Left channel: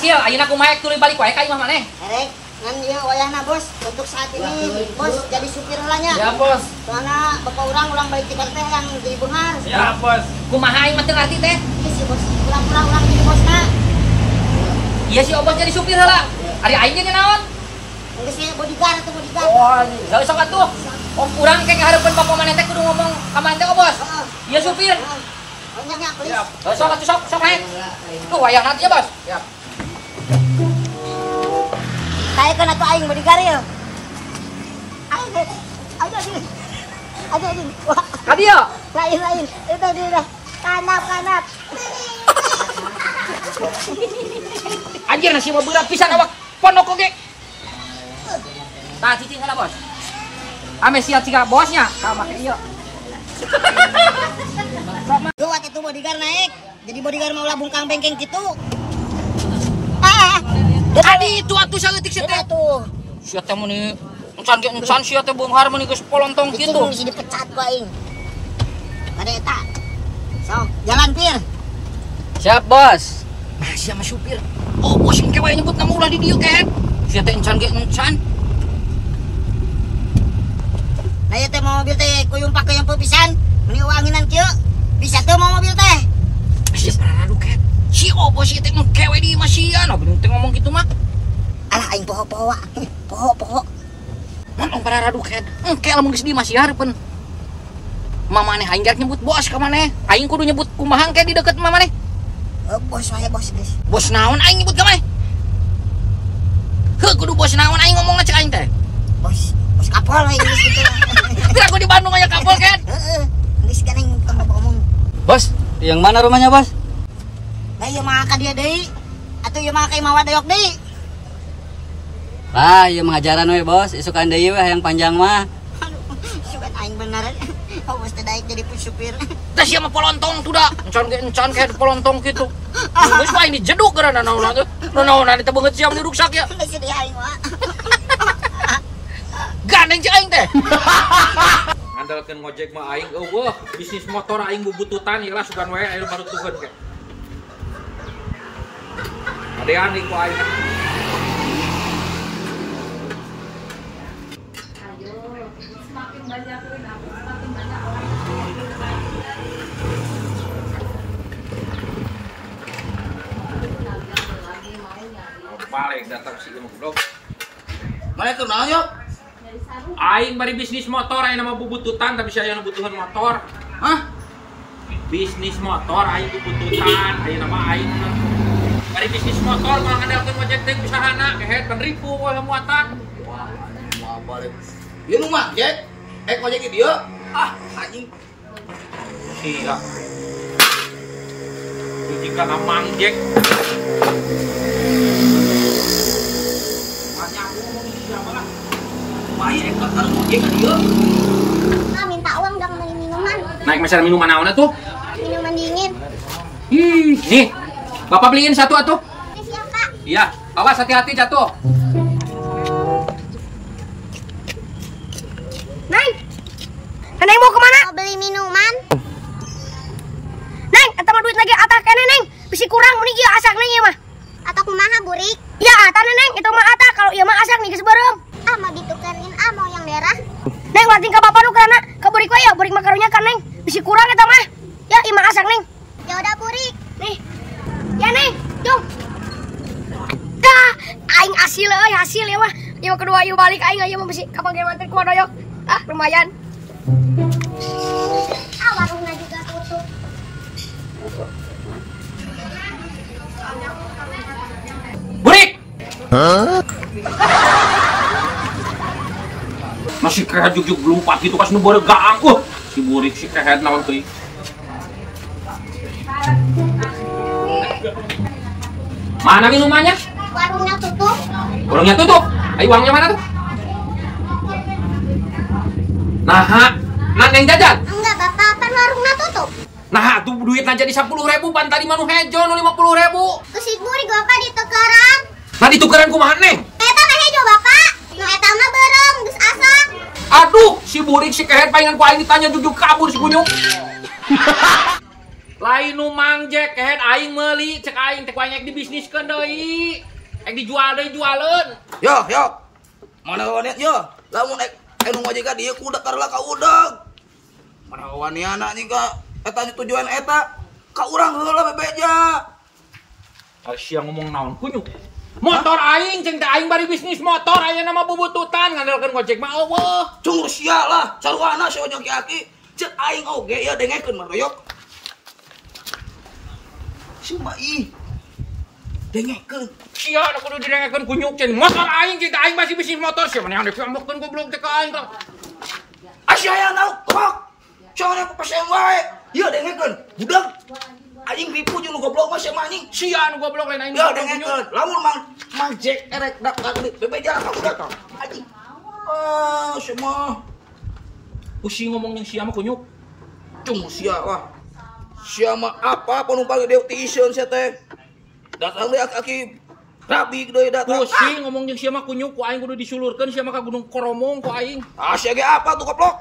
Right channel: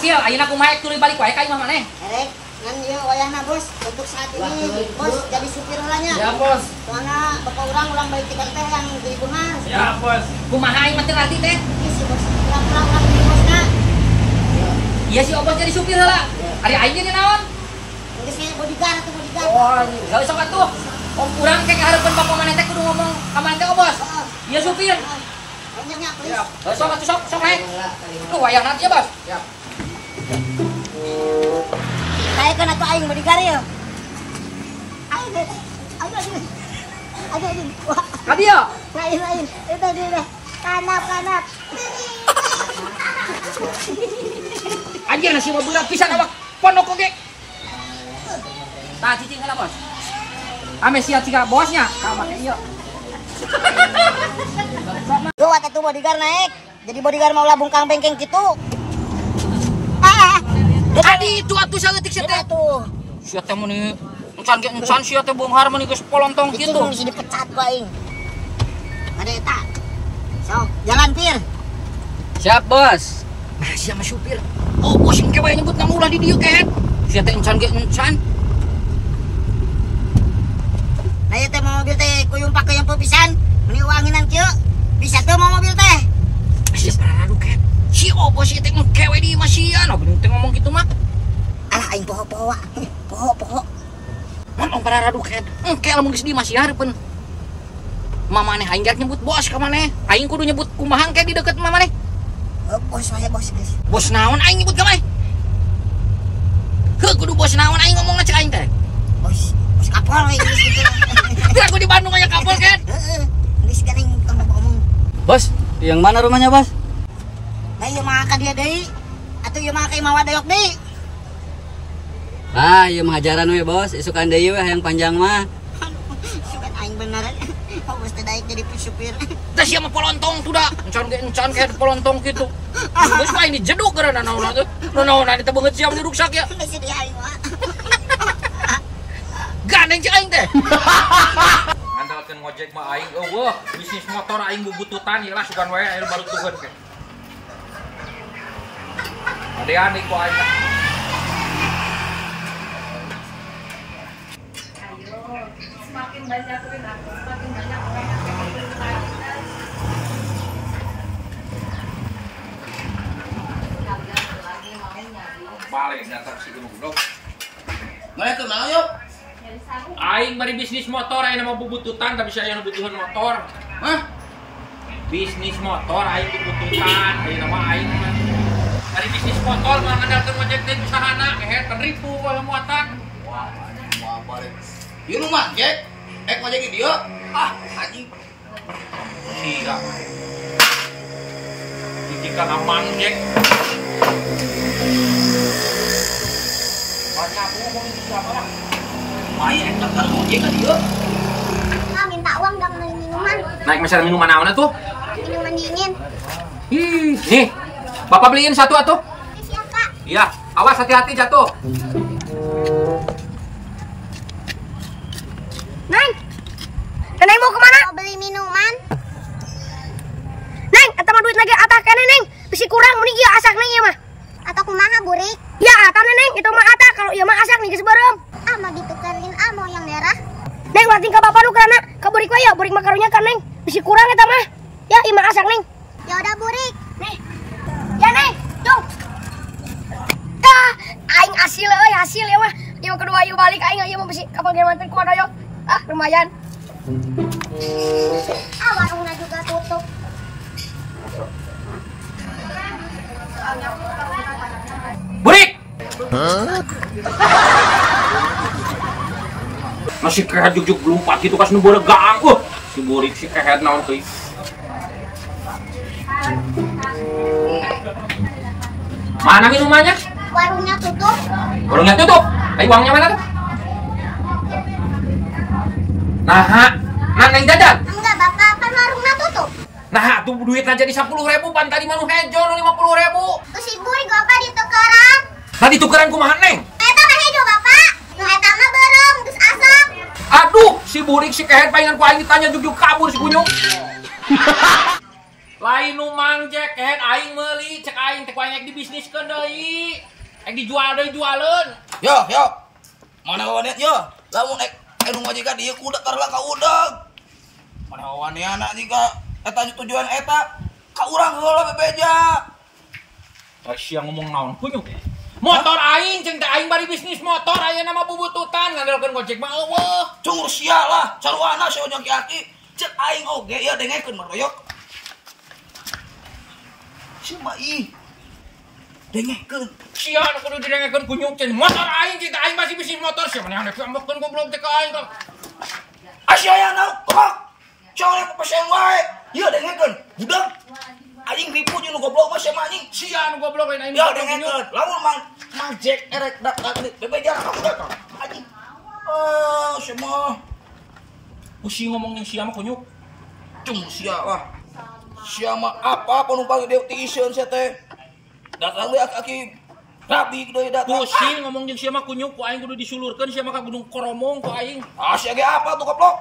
Sil, ayeuna kumaha tuluy balik wae ka imah maneh. Erek, ngan ieu wayahna bos, untuk saat ini bos jadi supir heulanya. Ya, Bos. Soalna bapak ulang baik tikar teh yang jadi beungar. Ya, Bos. Kumaha aing mah teu ngarti teh? Iya sih bos, pulang jadi bosna. Iya si Obos jadi supir heula. Ari aing jadi naon? Geus ge bodyguard atau bodyguard. Oh, gak usah atuh. Om urang kayak ngahareupeun bapak maneh teh kudu ngomong ka maneh teh Obos. Iya supir. Banyaknya please. Sok naik. Tuh wayang nanti ya, Bos. Siap. Kayak kan atuh aing bodyguard ya. Aing. Wah, Ka dieu. lain. Itu dia. Kanap. Anjir nasi mah berat pisan awak pondok oge. Tah cicing heula, Bos. Ame siap siga bosnya. Ka make ieu. Tuh atuh bodyguard naik. Jadi bodyguard mau labung kang bengkeng gitu. Adi itu atuh saeutik sia teh. Tuh. Sia teh meni encan sia teh beunghar meni geus polontong Itu kitu. bisa dipecat ku aing. Ada eta. Sok, jalan Pir. Siap, Bos. Nah, sia mah supir. Oh, bos engke wae nyebut nama ulah di dieu ket. Sia teh encan ge encan. Nah ieu teh mobil teh kuyumpak ke yang pisan. Meni wanginan kieu. Bisa tuh mau mobil teh. Sia paradu ket. Si Obos ieu teh engke wae di masian. Bener teh ngomong kitu mah. Alah aing poho-poho. Poho. Mun paradu ket. Engke lamun geus di masihareupeun. Mamaneh aing rek nyebut bos ka maneh. Aing kudu nyebut kumaha engke di deket mamaneh. Bos wae bos guys. Bos naon aing nyebut ka maneh? Heuh kudu bos naon aing ngomongna cek aing teh. Bos kapal we geus gitu. Kira aku di Bandung aya kapal ket. Heeh. Geus kan aing ngomong. Bos, yang mana rumahnya, Bos? Nah ieu mah ka dia deui. Atuh ieu mah ka Imawa Dayok deui. Ah, iya mengajaran we, Bos. Isukan deui we yang panjang mah. Aduh, sugan aing bener. Bos teh daek jadi supir. Tah sia mah polontong tuh da. Encan ge polontong kitu. Geus mah ini jeduk karena naon teh. Naon teh beungeut siam di ruksak ya. Geus di aing mah. Gandeng cek aing teh. Andalkeun ngojek mah aing eueuh bisnis motor aing bubututan ieu lah sugan wae aing baru tukeun ke. Adean iku aing. Semakin banyak perilaku, semakin banyak orang yang Paling datang si Imuk dong. Mana tuh naon yuk? Aing bari bisnis motor aing nama bubututan tapi saya anu butuhan motor. Hah? Bisnis motor aing bubututan aing nama aing mah. Bari bisnis motor mah ngandalkeun ngojek teh usahana kehet penripu wala muatan. Wah, anjing mau balik. Ieu nu mah, Jack. Ngojek di dieu. Ah, anjing. Sia. Jika amang Jack. Banyak ngomong ini siapa lah. Maya ek karo ngojek ka dieu. Ah, minta uang dong beli minuman. Naik meser minuman naon tuh? Minuman dingin. Nih. Bapak beliin satu atuh. Makasih ya, Kak. Iya, awas hati-hati jatuh. Neng! Neneng mau kemana? Mau beli minuman? Neng, eta mah duit lagi atah kene, Neng. Bisi kurang meni ieu asak Neng ieu mah. Atau kumaha, Burik? Ya, atah Neng, itu mah atah kalau ieu mah asak nih geus beureum. Ah, mau ditukerin ah, mau yang merah. Neng, wating ka bapak nu karana ka Burik we ya, Burik mah karunya kan Neng. Bisi kurang eta mah. Ya, ieu mah asak Neng. Ya udah, Burik. Nih. Ya, Neng. Cung. Tah, aing hasil euy, hasil ya mah. Ieu kedua ieu balik aing ieu mah bisi kapal ge manten kumaha doyok. Ah, lumayan. Ah, warungnya juga tutup. Burik! Masih kehet juk belum pagi itu pas nu gaang. Si Burik si kehet naon teuing. Mana minumannya? Warungnya tutup. Warungnya tutup. Ayo uangnya mana tuh? Nah neng jajan. Enggak, Bapak, kan warungnya tutup. Nah tuh duitnya jadi 10.000 pan tadi manu hejo nu 50.000. Terus si Burik Bapak ditukeran. Nah ditukeran kumaha neng? Eta mah hejo, Bapak. Nu eta mah beureum, geus asak. Aduh si Burik si kehet palingan ku aing ditanya jujuk kabur si kunyuk. Lain nu mangjek kehet aing meuli cek aing teh kuanyek dibisniskeun deui. Ek dijual deui jualeun. Yo. Mana kawannya yo? Lamun nu ngojek ka dieu kuda karela ka udeg. Mana kawannya anak jika eta tujuan eta ka urang heula bebeja. Sia ngomong naon kunyuk. Motor aing ceng teh aing bari bisnis motor ayeuna mah bubututan ngandalkeun gojek mah eueuh. Cungur sia lah, saruana si ojok aki. Cek aing oge ya dengekeun maroyok. Si mai. Dengekeun. Sia anu kudu didengekeun kunyuk cen motor aing ceng teh aing masih bisnis motor sia maneh handek ambekkeun goblok teh ka aing. Asia yang naon kok. Coba pesen wae. Ieu dengekeun. Budak anjing ripu jeung nu goblok mah sia anjing. Sia anu goblok lain aing. Ya dengekeun. Lamun mang Jack erek dak bebeja ka budak. Anjing. Semua Pusing ngomong yang sia mah kunyuk. cung sia lah. Sia mah apa penumpang deui ti iseun sia teh. Datang deui aki rabi deui datang. Pusing ngomong yang sia mah kunyuk ku aing kudu disulurkeun sia mah ka Gunung Koromong ku aing. Sia ge apa tuh goblok?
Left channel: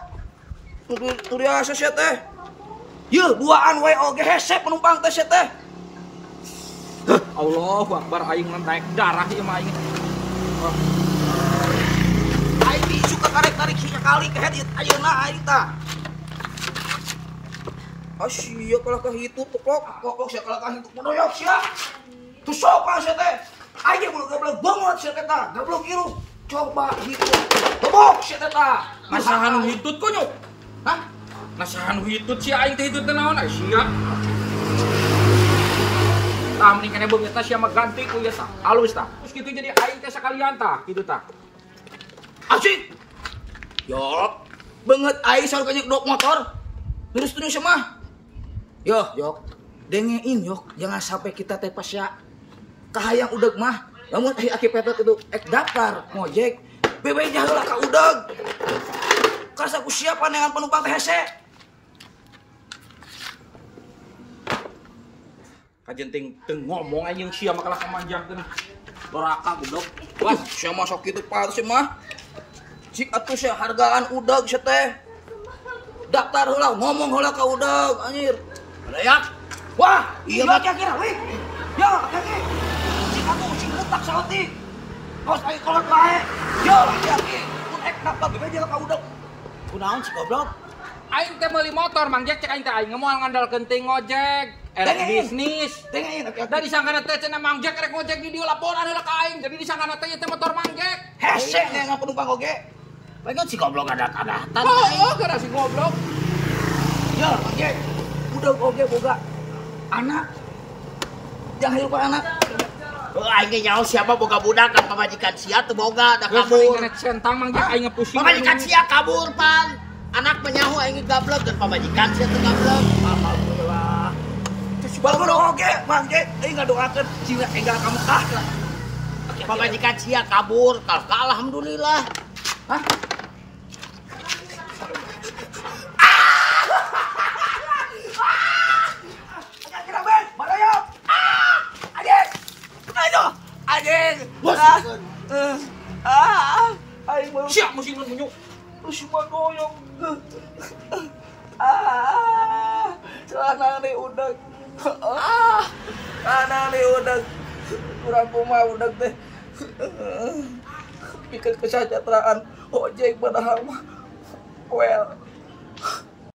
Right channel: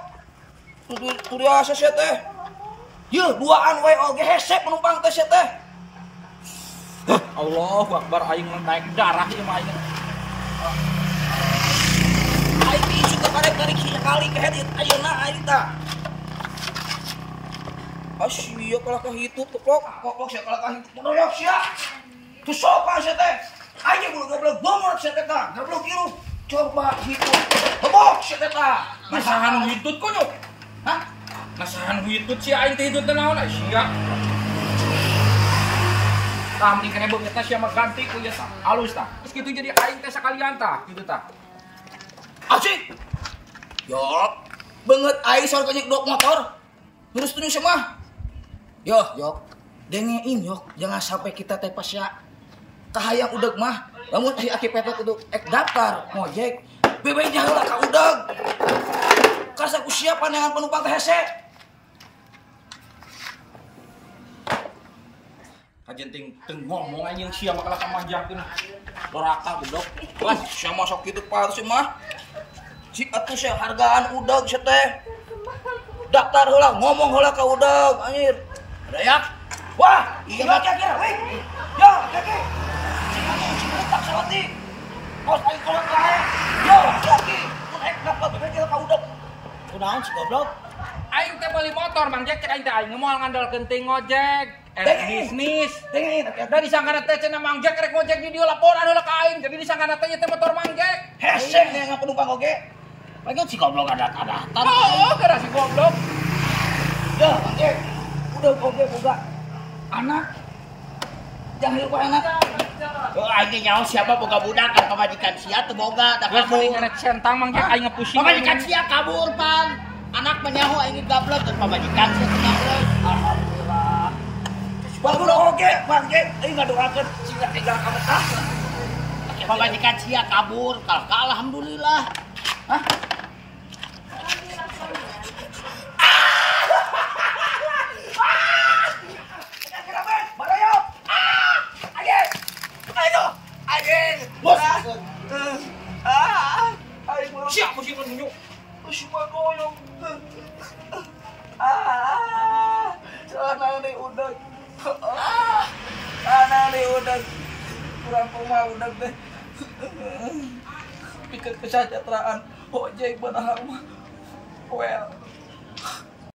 Tu dia sia teh. Yeuh duaan we oge hese penumpang teh sia teh. Allahu Akbar aing naik darah ieu mah aing. Aing isu ka karek-karek sia kali kehet ayeuna aing tah. Asia kalah ka hitu goblok sia kalah ka hitu modoyok sia. Tu sopan sia teh. Aing goblok banget sia teh tah. Goblok ieu. Coba hitu. Goblok sia teh tah. Nasahan hitut kunyuk. Hah? Nasahan hitut sia aing teh hitut teh naon sia. Tah mending kana beung eta sia mah ganti ku ieu tah. Alus tah. Terus kitu jadi aing teh sakalian tah, kitu tah. Asik. Yok. Banget aing soal kenyek dok motor. Terus tuh semua. Yok. Dengein yok, jangan sampai kita teh pas ya kahayang udeg mah. Lamun aki petet itu daftar ngojek, bebeja heula ka udeg. Karsa ku siap pandangan penumpang teh hese. Kajenting teu ngomong anjing sia mah kalah kamanjahkeun. Doraka goblok. Wah, Sia mah sok kitu patus mah. Cik atuh sia hargaan udeg sia teh. Daftar heula, ngomong heula ka udeg anjir. Ada ya? Wah, iya kira-kira weh. Yo, kaki. Cik letak salati. Kos aing kolot lae. Yo, hati-hati. Mun ek daftar bebeja ka udeg. Kunaon si goblok? aing teh meuli motor Mang Jack cek aing teh aing moal ngandalkeun teh ngojek. Bisnis. Dengerin hati-hati. Da disangkana teh cenah Mang Jack rek ngojek di dieu laporan heula ka aing. Jadi disangkana teh ieu teh motor Mang Jack. Hese nih penumpang oge. Paling si goblok adat-adatan. Oh, kira si goblok. Ya, Bang udah oge boga anak. Jangan hirup anak. Aing ge nyaho siapa boga budak kan pamajikan sia teu boga da Geus mending kabur. kena centang Mang Jack aing ngepusing. Pamajikan sia kabur pan. Anak menyahu aing gablek kan pamajikan sia teu gablek. Alhamdulillah. Bagus oge, Bang euy ngadoakeun cina enggal ka Mekah. Pamajikan sia kabur kal alhamdulillah. Hah? Siap musiman munyuk. Musiman goyong. Celana nih udah. Celana nih udah. Kurang kumah udah deh. Pikir kesejahteraan ojek padahal mah well